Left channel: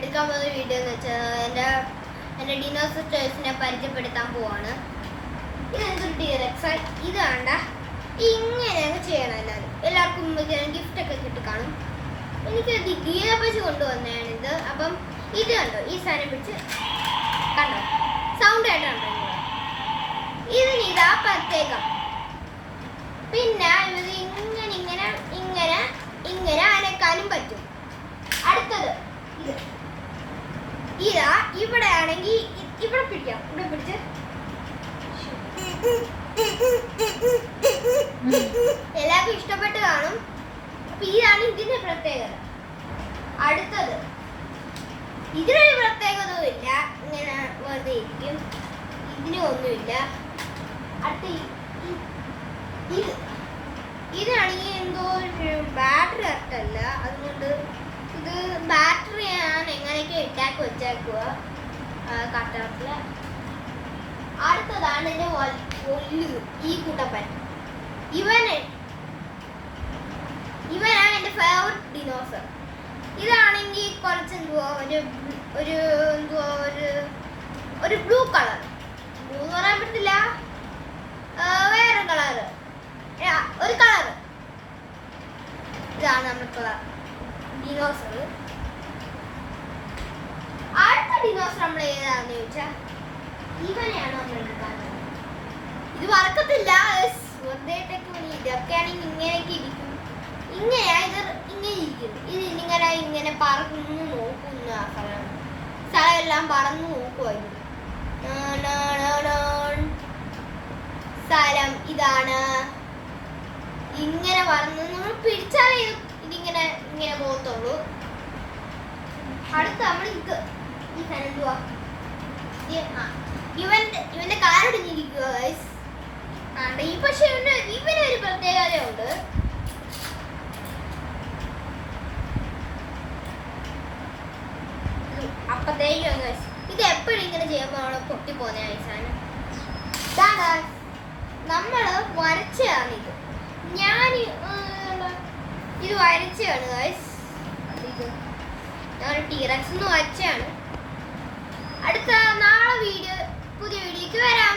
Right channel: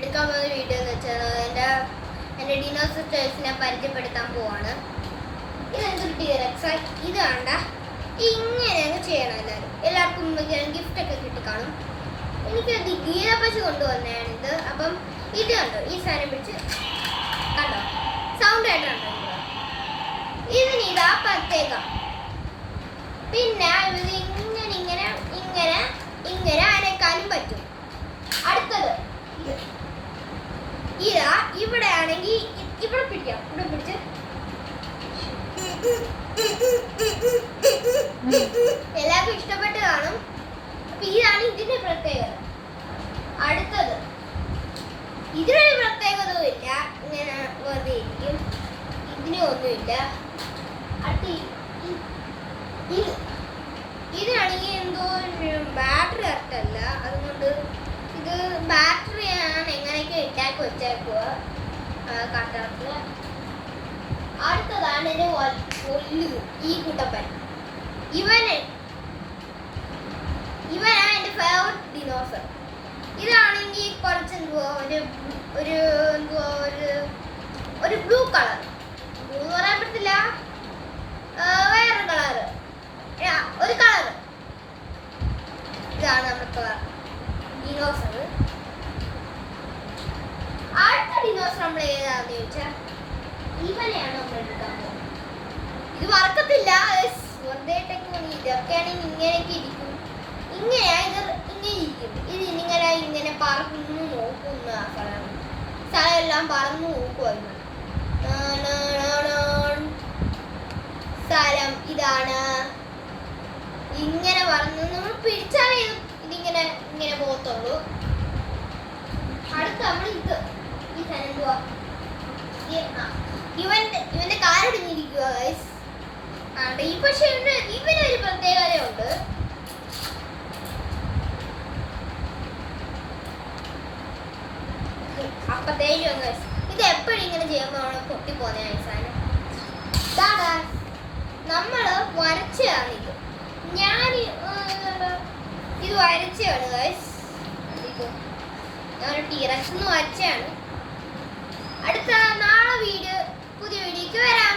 എടുക്കാൻ പോകുന്ന വീഡിയോ എന്ന് വെച്ചാൽ എൻ്റെ ഡിനോസറസിനെ പരിചയപ്പെടുത്താൻ പോവാണ്. ഇതെന്തൊരു ടിയറക്സ്. ഇത് വേണ്ട, ഇങ്ങനെ അങ്ങ് ചെയ്യണം. എല്ലാവർക്കും ഗിഫ്റ്റ് ഒക്കെ കിട്ടി കാണും. എനിക്ക് ഗീത പശു കൊണ്ടുവന്നതാണ് ഇത്. അപ്പം ഇത് കണ്ടോ, ഈ സാധനം പിടിച്ച് കണ്ടോ, സൗണ്ട് ആയിട്ടാണ് ഇതിന് ഇതാ പ്രത്യേകം. പിന്നെ ഇത് ഇങ്ങനെ ഇങ്ങനെ ഇങ്ങനെ ഇങ്ങനെ അനക്കാനും പറ്റും. അടുത്തത് ഇതാ, ഇവിടെ ആണെങ്കിൽ ഇവിടെ പിടിക്കാം, ഇവിടെ പിടിച്ച് എല്ലാവർക്കും ഇഷ്ടപ്പെട്ട് കാണും. അപ്പൊ ഇതാണ് ഇതിന്റെ പ്രത്യേകത. അടുത്തത് ഇതിനൊരു പ്രത്യേകതയും ഇല്ല, ഇങ്ങനെ വെറുതെ ഇരിക്കും, ഇതിനും ഒന്നുമില്ല. അടുത്ത ഇതാണെങ്കിൽ എന്തോ ഒരു ബാറ്ററി അർത്ഥമല്ല, അതുകൊണ്ട് ഇത് ബാറ്ററി ഞാൻ എങ്ങനെയൊക്കെ ഇട്ടാക്കി വെച്ചേക്കുക കട്ടറത്തില്. അടുത്തതാണ് എൻ്റെ ഈ കുട്ടപ്പൻ. ഇവനാണ് എൻ്റെ ഫേവറേറ്റ് ഡിനോസർ. ഇതാണെങ്കിൽ കുറച്ച് ഒരു ബ്ലൂ കളർ, ബ്ലൂ എന്ന് പറയാൻ പറ്റില്ല, വേറെ കളറ്, ഒരു കളറ്. ഇതാണ് നമ്മുടെ ഡിനോസർ. അടുത്ത ഡിനോസർ നമ്മൾ ഏതാണെന്ന് ചോദിച്ചാൽ ഇവനെയാണ് നമ്മൾ എടുക്കാൻ പോകുന്നത്. ഇത് വറക്കത്തില്ല, വെറുതെട്ടേക്ക് വേണ്ടി. ഇതൊക്കെയാണെങ്കിൽ ഇങ്ങനെയൊക്കെ ഇരിക്കും, ഇങ്ങനെയാ ഇത് ഇങ്ങനെ ഇരിക്കും. ഇത് ഇങ്ങനെ പറന്നു നോക്കുന്ന സ്ഥലം എല്ലാം പറന്നു നോക്കുമായിരുന്നു. സ്ഥലം ഇതാണ്, ഇങ്ങനെ പറന്ന് നമ്മൾ പിടിച്ചാലേ ഇതിങ്ങനെ ഇങ്ങനെ പോകത്തുള്ളൂ. അടുത്ത നമ്മൾ ഈ സാധനം എന്തുവാ, ഇവന്റെ കാലൊടിഞ്ഞിരിക്കുക ഗൈസ്. ഈ പക്ഷെ ഇവനൊരു പ്രത്യേകതയുണ്ട്. അപ്പത്തേക്കും ഗൈസ്, ഇത് എപ്പോഴും ഇങ്ങനെ ചെയ്യുമ്പോൾ നമ്മൾ പൊട്ടിപ്പോന്നെ ഈ സാധനം. നമ്മള് വരച്ചതാണ് ഇത്. ഇത് വരച്ചാണ് ഗൈസ്. ഞാൻ ടീറക്സ് എന്ന് വരച്ചാണ്. അടുത്ത നാളെ പുതിയ വീഡിയോക്ക് വരാം.